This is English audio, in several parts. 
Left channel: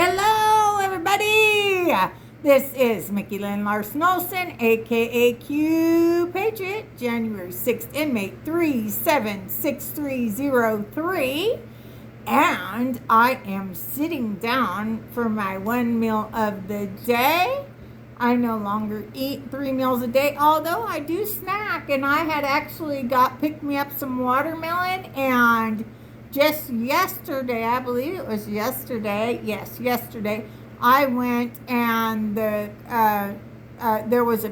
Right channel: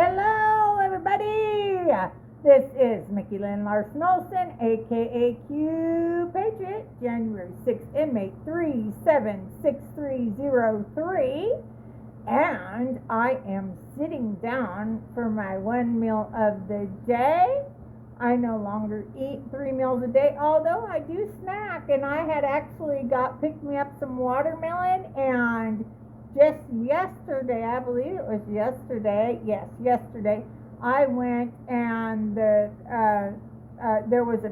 Hello, everybody. This is Mickey Lynn Larson-Olson, aka Q Patriot, January 6th, inmate 376303. And I am sitting down for my one meal of the day. I no longer eat 3 meals a day, although I do snack. And I had actually picked me up some watermelon, and just yesterday, I believe it was yesterday, yes, yesterday, I went and there was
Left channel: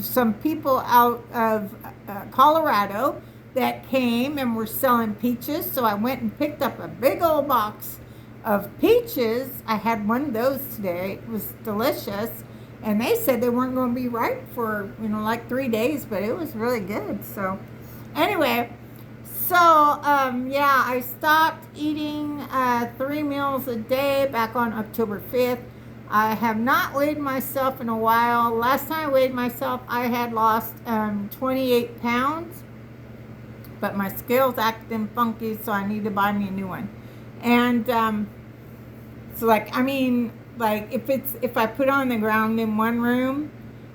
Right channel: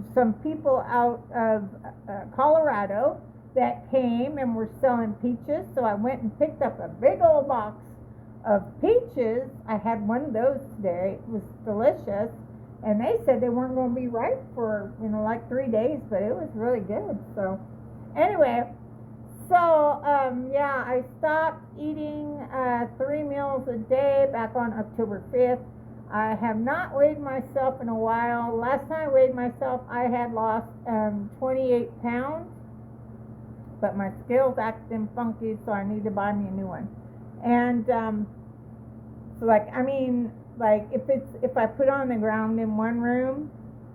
some people out of Colorado that came and were selling peaches. So I went and picked up a big old box of peaches. I had one of those today. It was delicious. And they said they weren't going to be ripe for, like 3 days, but it was really good. So anyway, I stopped eating 3 meals a day back on October 5th. I have not weighed myself in a while. Last time I weighed myself, I had lost 28 pounds, but my scale's acting funky, so I need to buy me a new one. And if I put it on the ground in one room,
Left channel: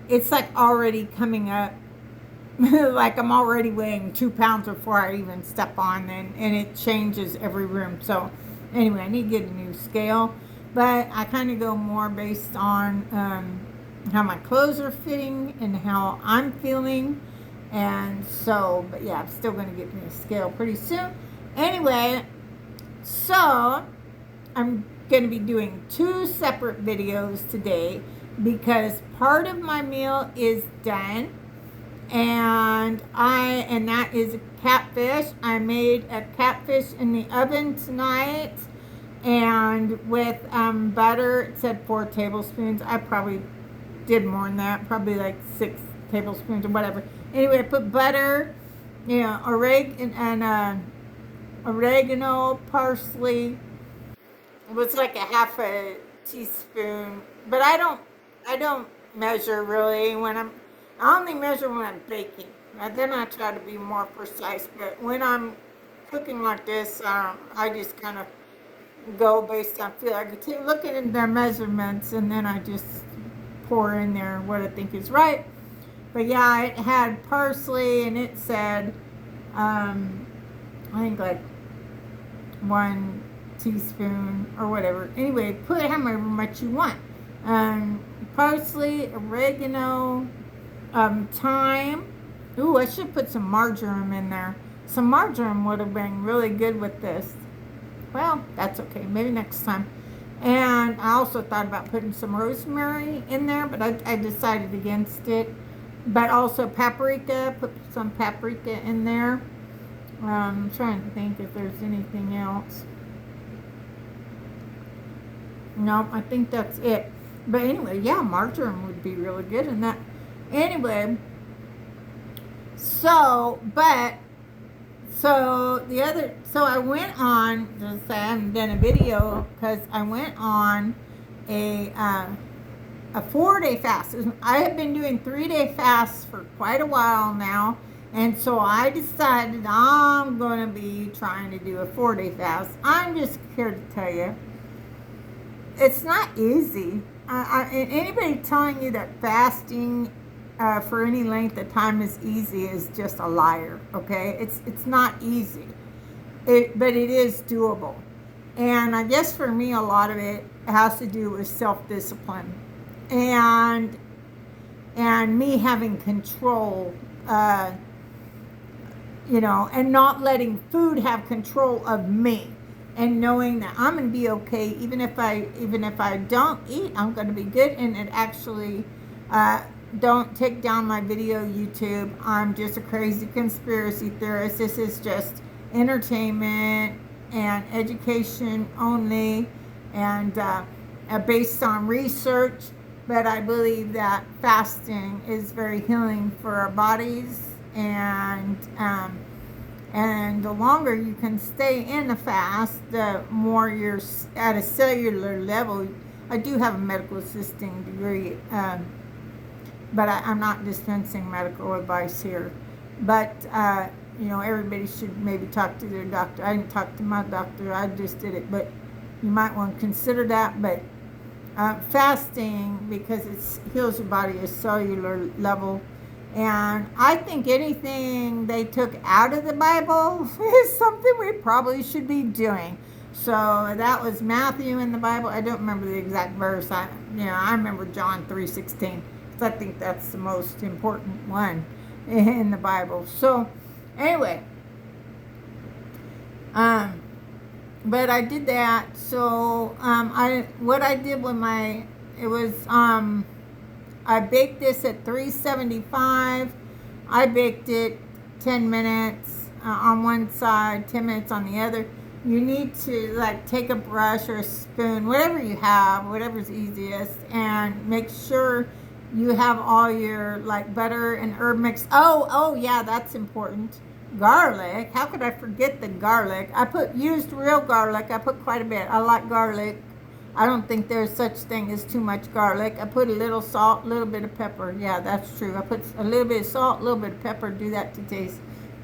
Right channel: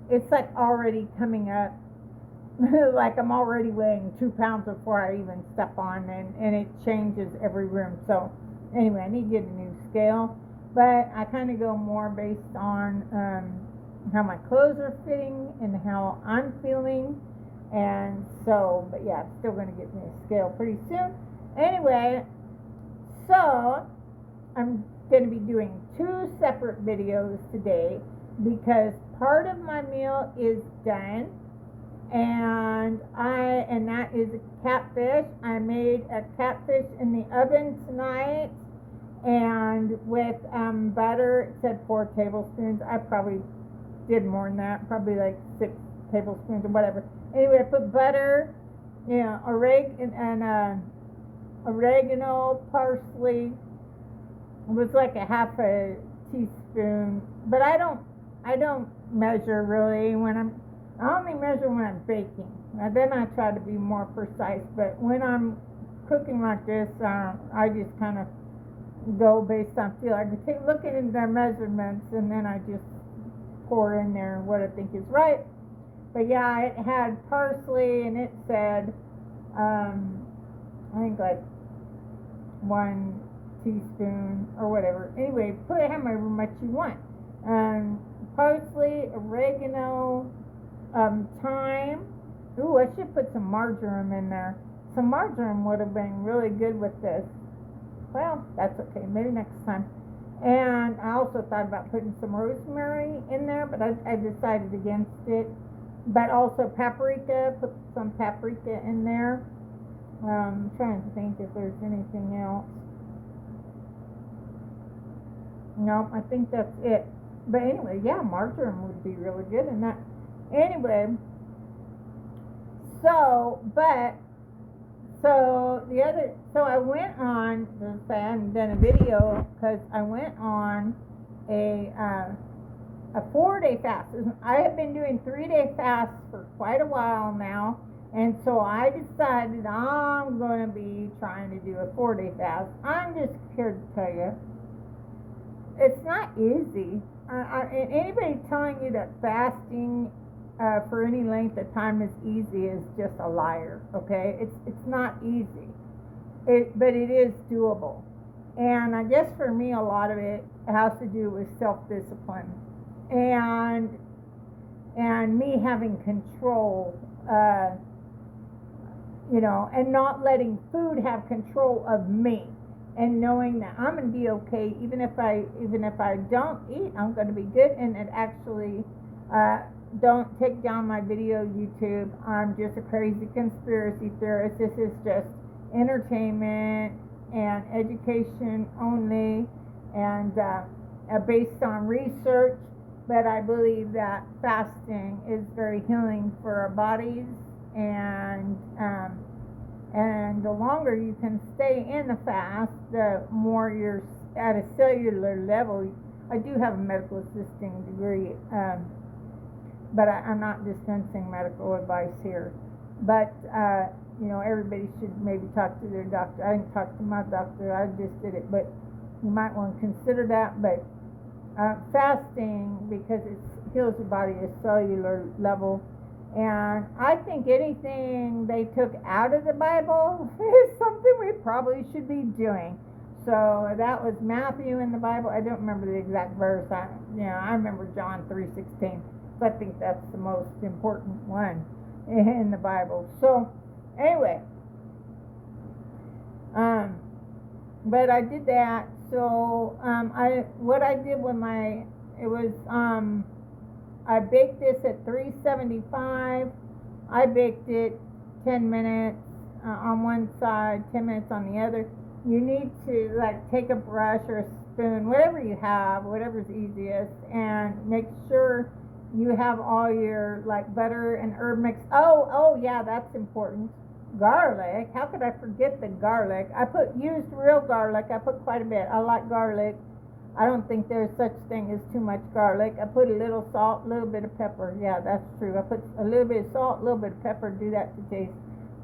it's like already coming up. Like I'm already weighing 2 pounds before I even step on, and it changes every room. So anyway, I need to get a new scale, but I kind of go more based on how my clothes are fitting and how I'm feeling. And so, but yeah, I'm still going to get me a scale pretty soon. Anyway, so I'm going to be doing 2 separate videos today because part of my meal is done. And that is a catfish. I made a catfish in the oven tonight, and with butter. It said 4 tablespoons. I probably did more than that, probably like 6 tablespoons or whatever. Anyway, I put butter, oregano, parsley. It was like a half a teaspoon, but I don't measure really I only measure when I'm baking. Now, then I try to be more precise, but when I'm cooking like this, I just kind of go based on feel. I could look at the measurements, and then I just pour in there what I think is right. But yeah, it had parsley, and it said, I think like 1 teaspoon or whatever. Anyway, put however much you want. Parsley, oregano, thyme. Ooh, I should put some marjoram in there. Some marjoram would have been really good with this. Well, that's okay. Maybe next time. And I also thought about putting some rosemary in there, but I decided against it. But also paprika. Put some paprika in there. I'm trying to think if there's anything else. No, I think that's it. But anyway, yeah, marjoram would be really good in that. Anyway, so I went on, I haven't done a video because I went on a 4-day fast. I have been doing 3-day fasts for quite a while now, and so I decided I'm going to be trying to do a 4-day fast. I'm just here to tell you, it's not easy. Anybody telling you that fasting for any length of time is easy is just a liar. Okay, it's not easy, but it is doable. And I guess for me, a lot of it has to do with self-discipline and me having control, and not letting food have control of me, and knowing that I'm going to be okay even if I don't eat, I'm going to be good. And it actually don't take down my video, YouTube. I'm just a crazy conspiracy theorist. This is just entertainment and education only, and based on research. But I believe that fasting is very healing for our bodies, and the longer you can stay in a fast, the more you're at a cellular level. I do have a medical assisting degree, but I'm not dispensing medical advice here. But everybody should maybe talk to their doctor. I didn't talk to my doctor. I just did it. But you might want to consider that. But fasting, because it heals your body at cellular level. And I think anything they took out of the Bible is something we probably should be doing. So that was Matthew in the Bible. I don't remember the exact verse. I remember John 3:16. I think that's the most important one in the Bible. So anyway, but I did that. So what I did with I baked this at 375. I baked it 10 minutes on one side, 10 minutes on the other. You need to like take a brush or a spoon, whatever you have, whatever's easiest, and make sure you have all your like butter and herb mix. Oh yeah, that's important. Garlic. How could I forget the garlic? I used real garlic. I put quite a bit. I like garlic. I don't think there's such thing as too much garlic. I put a little salt, a little bit of pepper. Yeah, that's true. I put a little bit of salt, a little bit of pepper, do that to taste.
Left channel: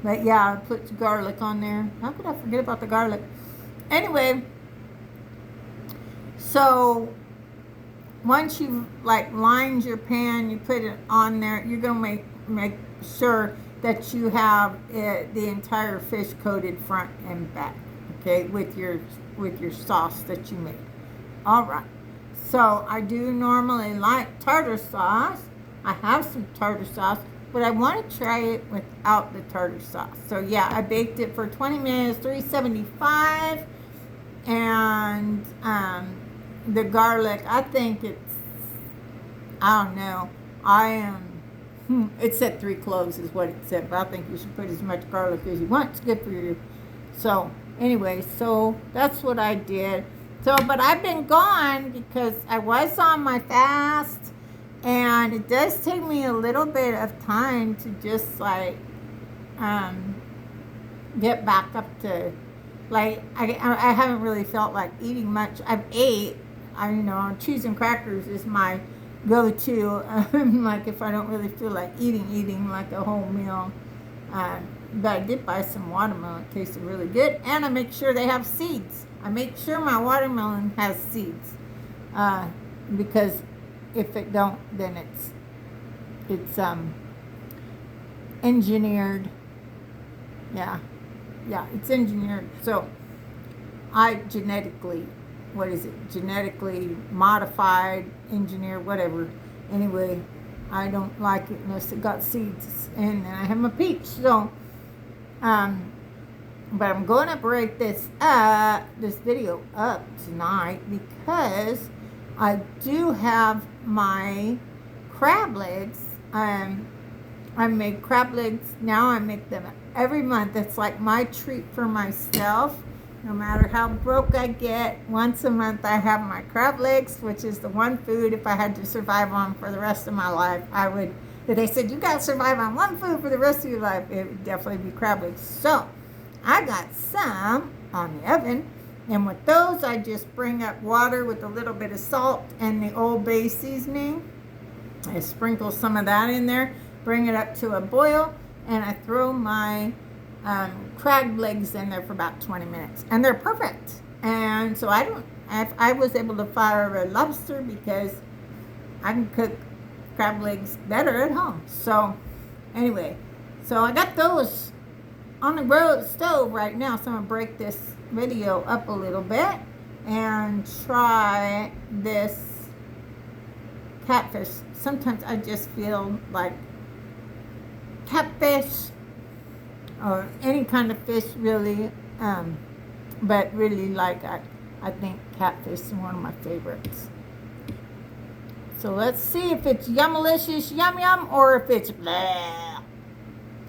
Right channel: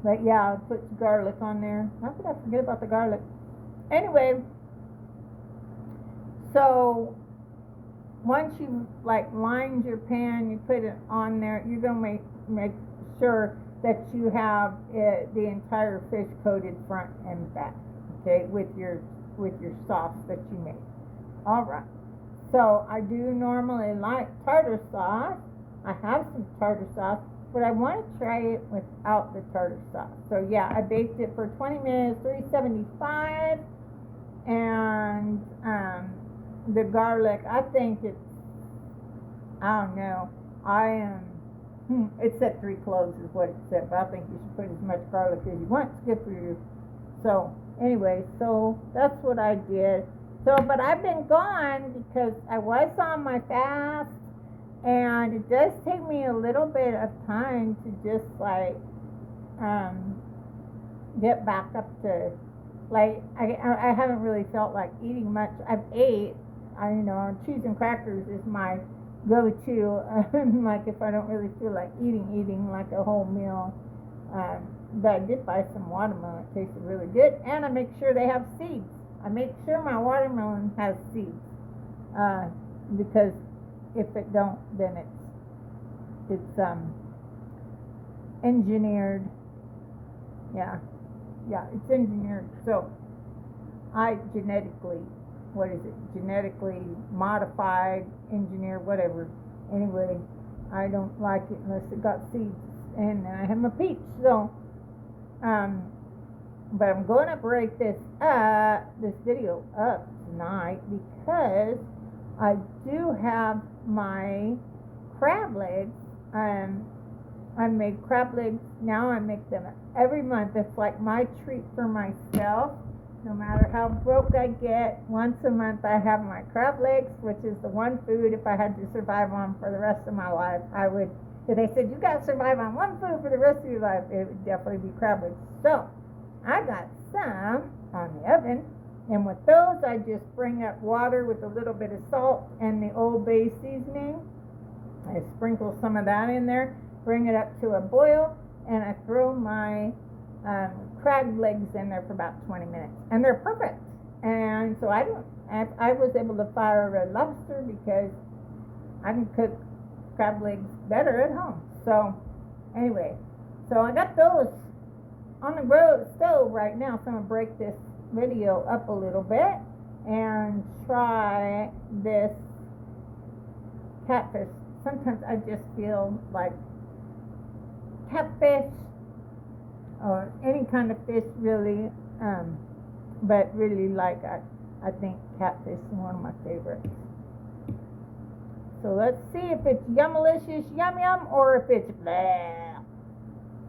But yeah, I put garlic on there. How could I forget about the garlic? Anyway, so once you've like lined your pan, you put it on there, you're going to make sure that you have the entire fish coated front and back, okay, with your sauce that you made. All right, so I do normally like tartar sauce. I have some tartar sauce, but I want to try it without the tartar sauce. So yeah, I baked it for 20 minutes, 375, and the garlic, I think I don't know, it said 3 cloves is what it said, but I think you should put as much garlic as you want. It's good for you. So anyway, so that's what I did. So, but I've been gone because I was on my fast, and it does take me a little bit of time to just like get back up to, like, I haven't really felt like eating much. I've ate, cheese and crackers is my go-to, like if I don't really feel like eating like a whole meal. But I did buy some watermelon. It tasted really good, and I make sure they have seeds. I make sure my watermelon has seeds, because if it don't, then it's engineered. Yeah, it's engineered. So I genetically modified, engineered, whatever. Anyway, I don't like it unless it got seeds, and then I have my peach. So but I'm going to break this video up tonight, because I do have my crab legs. I make crab legs now. I make them every month. It's like my treat for myself. No matter how broke I get, once a month I have my crab legs, which is the one food, if I had to survive on for the rest of my life, I would. If they said you got to survive on one food for the rest of your life, it would definitely be crab legs. So I got some on the oven, and with those I just bring up water with a little bit of salt and the Old Bay seasoning. I sprinkle some of that in there, bring it up to a boil, and I throw my crab legs in there for about 20 minutes, and they're perfect. And so I was able to fire a lobster because I can cook crab legs better at home. So anyway, so I got those on the stove right now, so I'm going to break this video up a little bit and try this catfish. Sometimes I just feel like catfish or any kind of fish really, but really like I think catfish is one of my favorites. So let's see if it's yummalicious, yum yum, or if it's blah.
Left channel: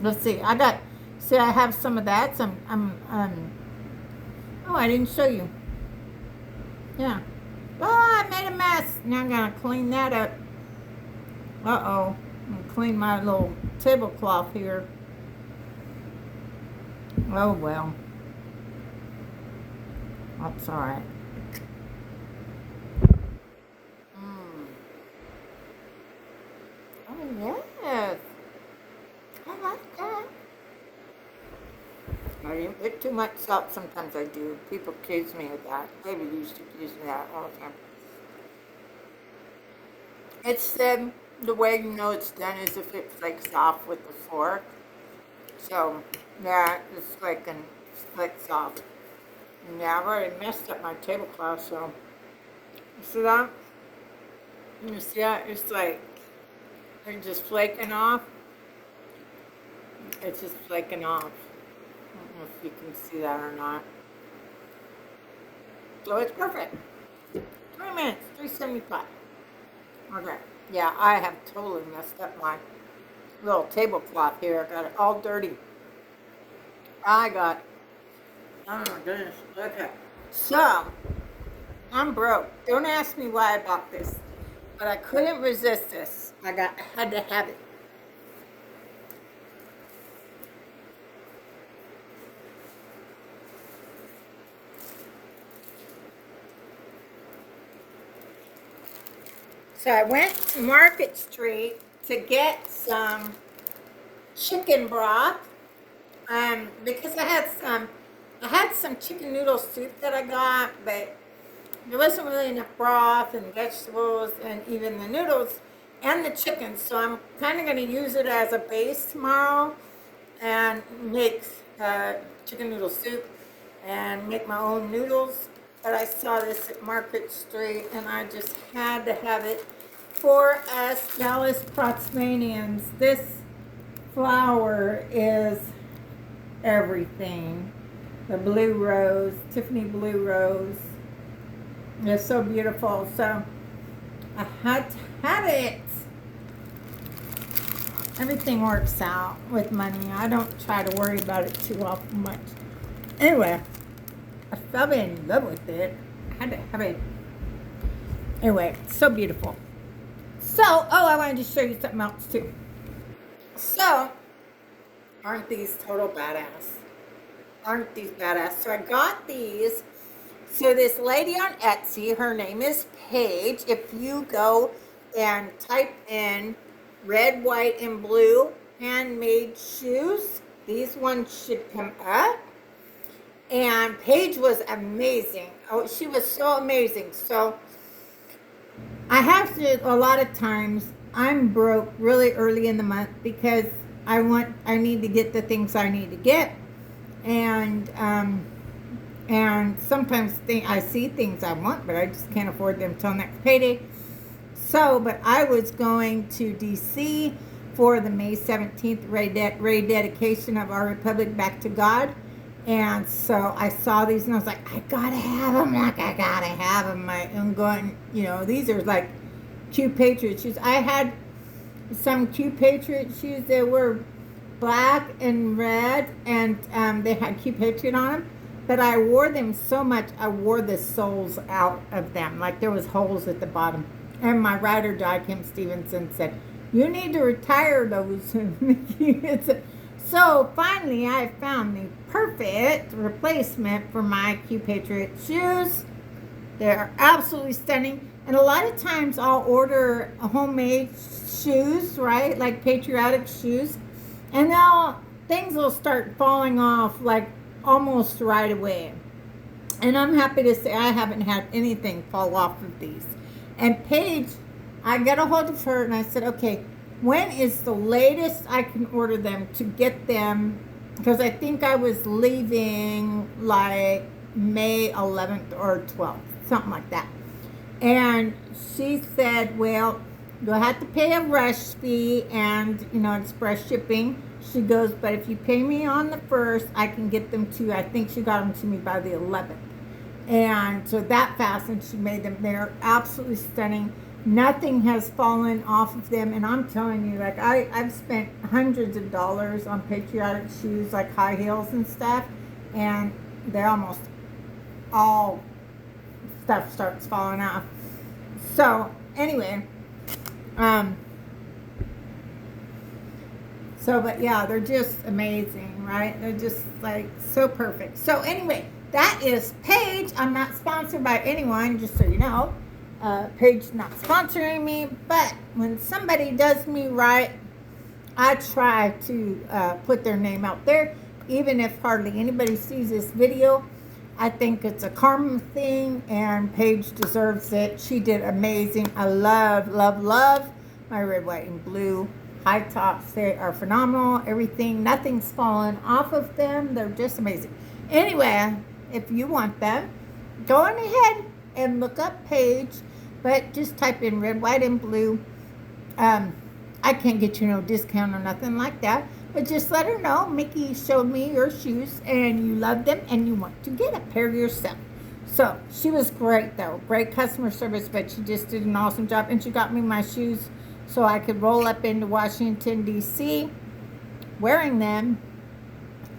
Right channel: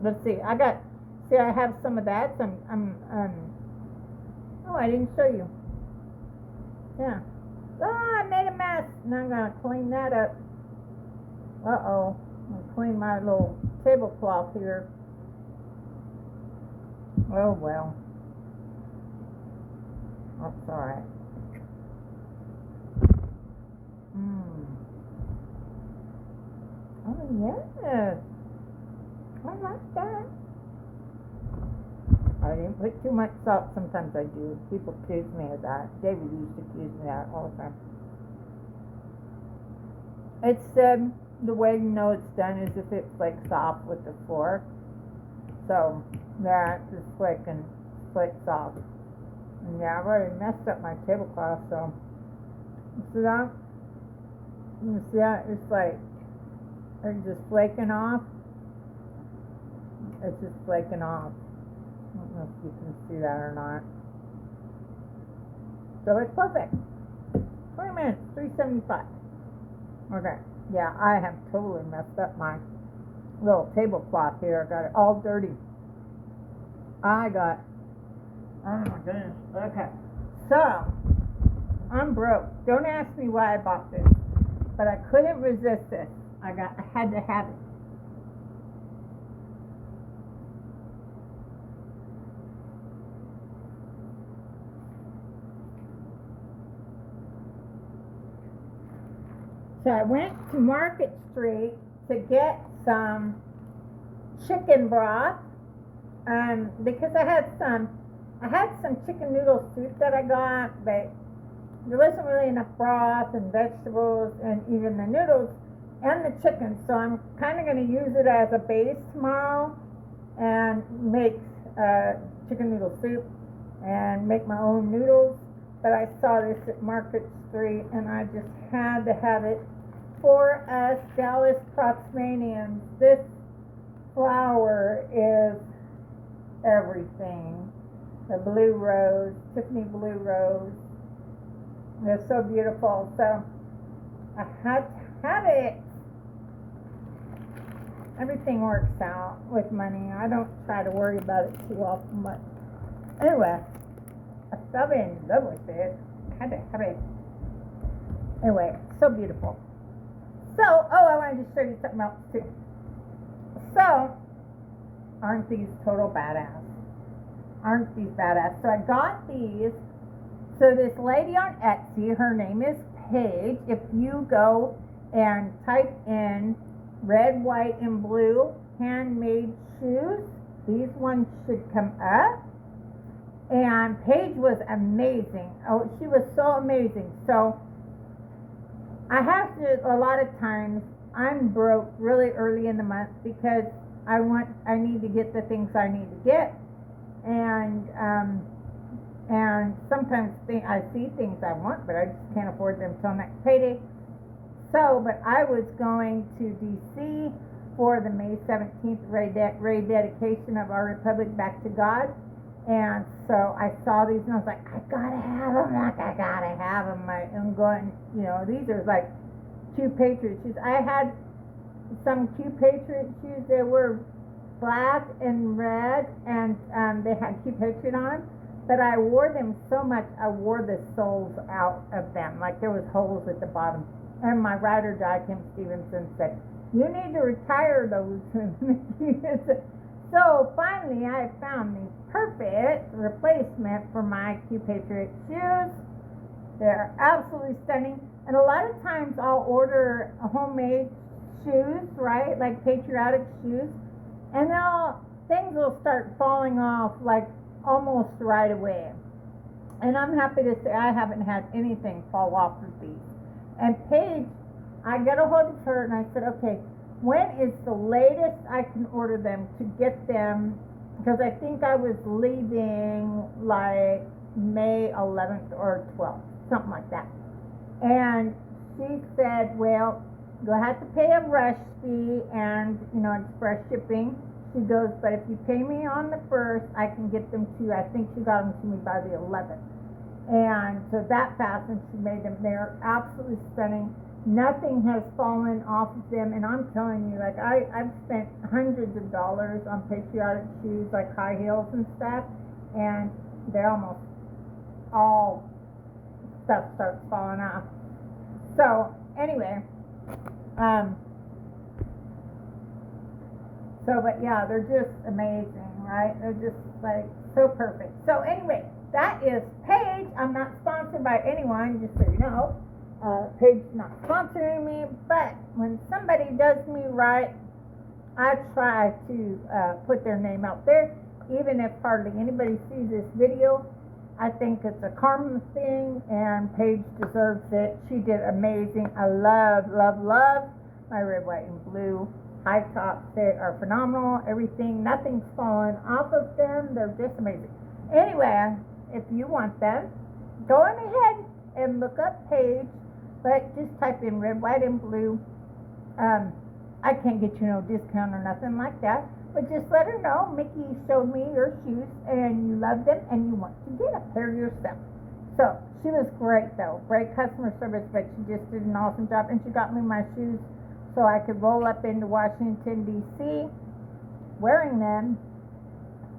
Let's see. I have some of that. Oh, I didn't show you. Yeah. Oh, I made a mess. Now I'm going to clean that up. Uh-oh. I'm going to clean my little tablecloth here. Oh, well. That's all right. Oh, yes. I like that. I I didn't put too much salt. Sometimes I do. People accuse me of that. David used to accuse me of that all the time. It's the way you know it's done is if it flakes off with the fork. So, yeah, it's flakes off. And yeah, I've already messed up my tablecloth, so. You see that? You see that? It's like, they're just flaking off. It's just flaking off. I don't know if you can see that or not. So it's perfect. 20 minutes, 375. Okay. Yeah, I have totally messed up my little tablecloth here. I got it all dirty. Oh my goodness. Okay. So, I'm broke. Don't ask me why I bought this. But I couldn't resist this. I had to have it. So I went to Market Street to get some chicken broth because I had some chicken noodle soup that I got, but there wasn't really enough broth and vegetables and even the noodles and the chicken. So I'm kind of going to use it as a base tomorrow and make chicken noodle soup and make my own noodles. But I saw this at Market Street, and I just had to have it for us Dallas Protsmanians. This flower is everything. The blue rose, Tiffany blue rose. It's so beautiful. So I had to have it. Everything works out with money. I don't try to worry about it too often much. Anyway. I fell in love with it. I had to have it. Anyway, so beautiful. So, I wanted to show you something else too. So, aren't these total badass? Aren't these badass? So I got these. So this lady on Etsy, her name is Paige. If you go and type in red, white, and blue handmade shoes, these ones should come up. And Paige was amazing. Oh, she was so amazing. So I have to, a lot of times, I'm broke really early in the month because I need to get the things I need to get. And sometimes I see things I want, but I just can't afford them till next payday. So, but I was going to DC for the May 17th Ray dedication of our Republic back to God. And so I saw these and I was like, I gotta have them. I'm going, these are like Q Patriot shoes. I had some Q Patriot shoes that were black and red, and they had Q Patriot on them. But I wore them so much, I wore the soles out of them. Like there was holes at the bottom. And my ride or die, Kim Stevenson, said, you need to retire those. So finally, I found the perfect replacement for my Q Patriot shoes. They're absolutely stunning. And a lot of times I'll order homemade shoes, right? Like patriotic shoes. And things will start falling off like almost right away. And I'm happy to say I haven't had anything fall off of these. And Paige, I got a hold of her and I said, okay, when is the latest I can order them to get them? Because I think I was leaving like May 11th or 12th, something like that. And she said, well, you'll have to pay a rush fee and, express shipping. She goes, but if you pay me on the 1st, I can get them to you. I think she got them to me by the 11th. And so that fast, and she made them. They're absolutely stunning. Nothing has fallen off of them, and I'm telling you, like I've spent hundreds of dollars on patriotic shoes, like high heels and stuff, and they almost all stuff starts falling off. So anyway, but yeah, they're just amazing, right? They're just like so perfect. So anyway, that is Paige. I'm not sponsored by anyone, just so you know. Paige not sponsoring me, but when somebody does me right, I try to put their name out there even if hardly anybody sees this video, I think it's a karma thing, and Paige deserves it. She did amazing. I love, love, love my red, white, and blue high tops. They are phenomenal. Everything, nothing's fallen off of them. They're just amazing. Anyway, if you want them, go on ahead and look up Paige, but just type in red, white, and blue. I can't get you no discount or nothing like that. But just let her know, Mickey showed me your shoes and you love them and you want to get a pair yourself. So she was great though. Great customer service, but she just did an awesome job. And she got me my shoes so I could roll up into Washington, D.C. wearing them.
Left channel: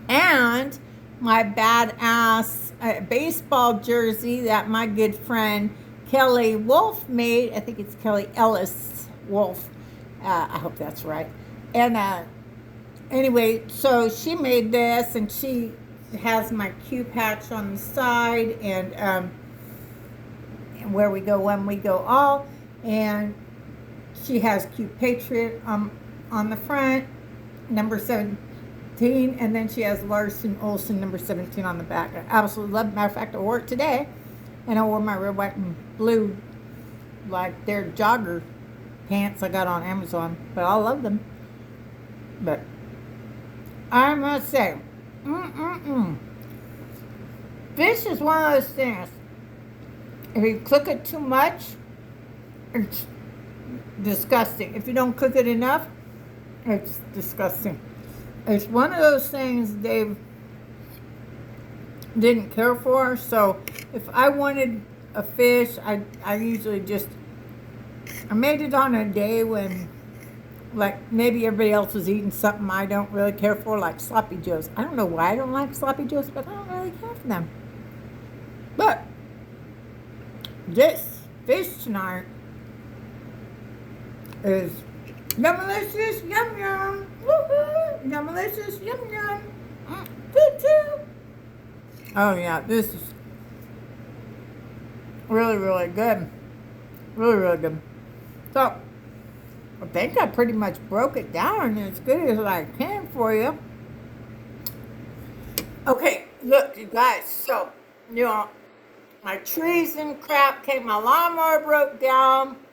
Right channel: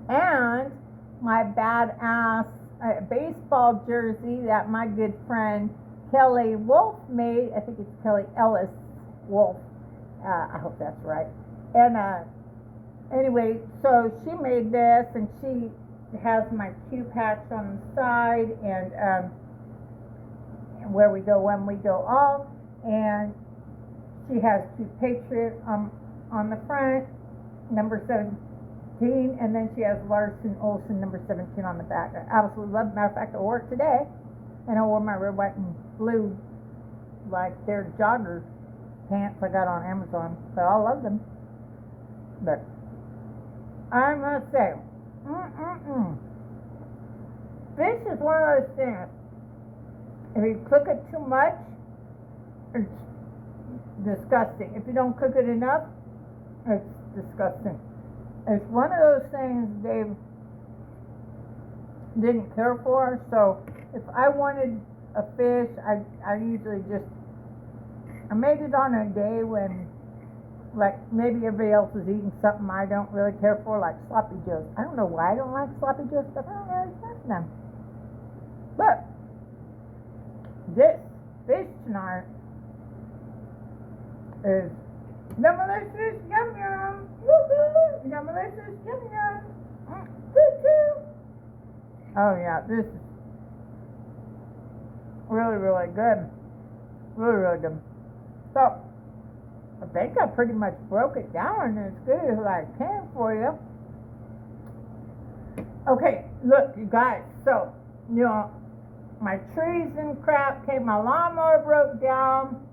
And my badass baseball jersey that my good friend Kelly Wolf made. I think it's Kelly Ellis Wolf. I hope that's right. And anyway, so she made this, and she has my Q patch on the side, and where we go when we go all, and she has Q Patriot on the front, number 17, and then she has Larson-Olson number 17 on the back. I absolutely love it. Matter of fact, I wore it today, and I wore my red, white, and blue, like their jogger pants I got on Amazon, but I love them. But I must say, fish is one of those things. If you cook it too much, it's disgusting. If you don't cook it enough, it's disgusting. It's one of those things Dave didn't care for. So if I wanted a fish, I usually just, I made it on a day when, like, maybe everybody else was eating something I don't really care for, like sloppy joes. I don't know why I don't like sloppy joes, but I don't really care for them. But this fish tonight is yum-malicious, yum-yum. Woo-hoo! Yum-malicious, yum-yum. Good too. Oh yeah, this is really, really good. Really, really good. So, I think I pretty much broke it down as good as I can for you. Okay, look, you guys. So, you know, my trees and crap came. My lawnmower broke down,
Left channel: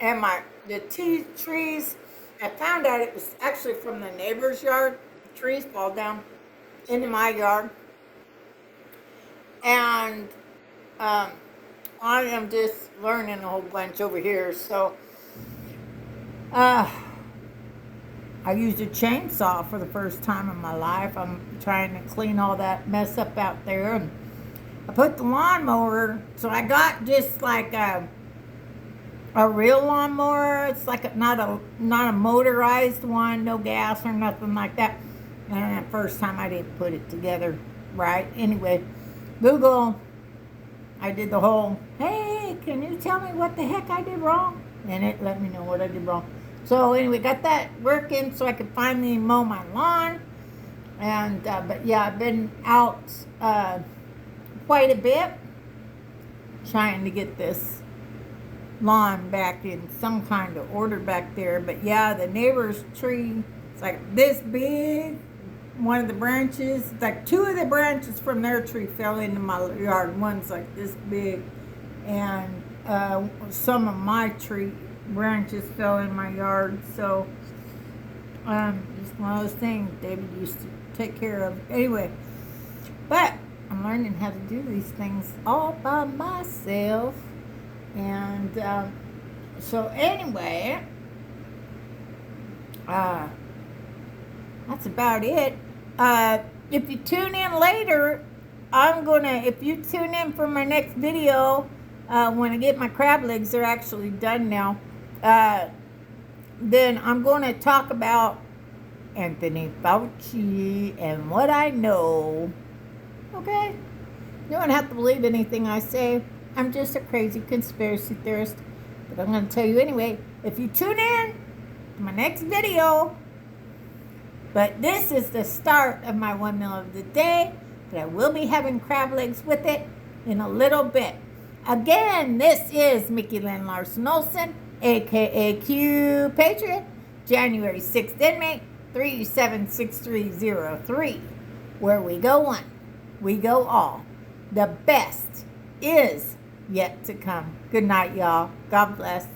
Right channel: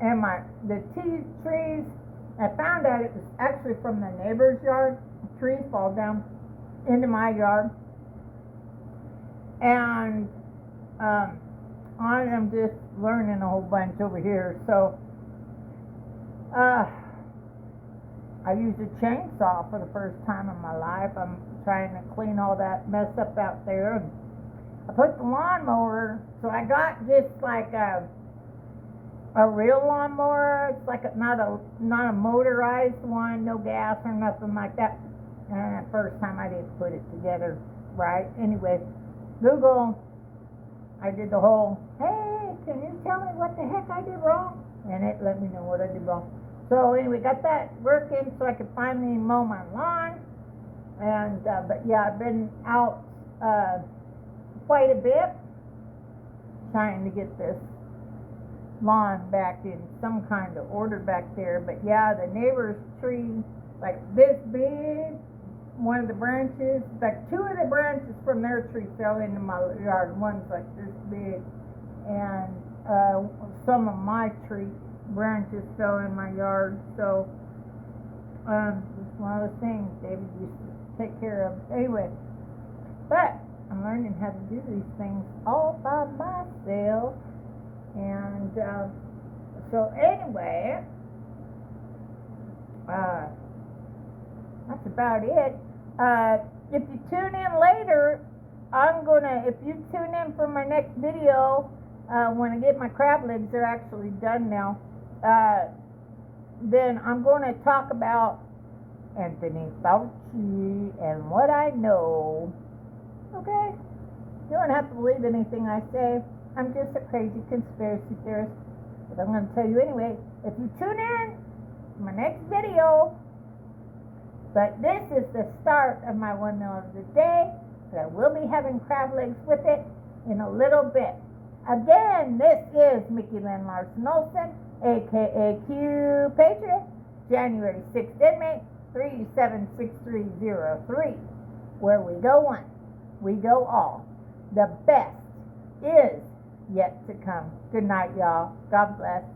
and the tea trees. I found out it was actually from the neighbor's yard. The trees fall down into my yard, and I am just learning a whole bunch over here. So, I used a chainsaw for the first time in my life. I'm trying to clean all that mess up out there. And I put the lawnmower, so I got just like a real lawnmower. It's like not a motorized one, no gas or nothing like that. And the first time I didn't put it together right. Anyway, Google, I did the whole, hey, can you tell me what the heck I did wrong? And it let me know what I did wrong. So anyway, got that working so I could finally mow my lawn. And, but yeah, I've been out quite a bit trying to get this lawn back in some kind of order back there. But yeah, the neighbor's tree, it's like this big. One of the branches, like two of the branches from their tree fell into my yard. One's like this big, and some of my tree branches fell in my yard. So just one of those things David used to take care of. Anyway, but I'm learning how to do these things all by myself. And so anyway, that's about it. If you tune in later, if you tune in for my next video, when I get my crab legs, they're actually done now, then I'm going to talk about Anthony Fauci and what I know. Okay? You don't have to believe anything I say. I'm just a crazy conspiracy theorist. But I'm going to tell you anyway, if you tune in to my next video. But this is the start of my one meal of the day. But I will be having crab legs with it in a little bit. Again, this is Mickey Lynn Larson-Olson, a.k.a. Q Patriot, January 6th inmate, 837-6303. Where we go one, we go all. The best is yet to come. Good night, y'all. God bless.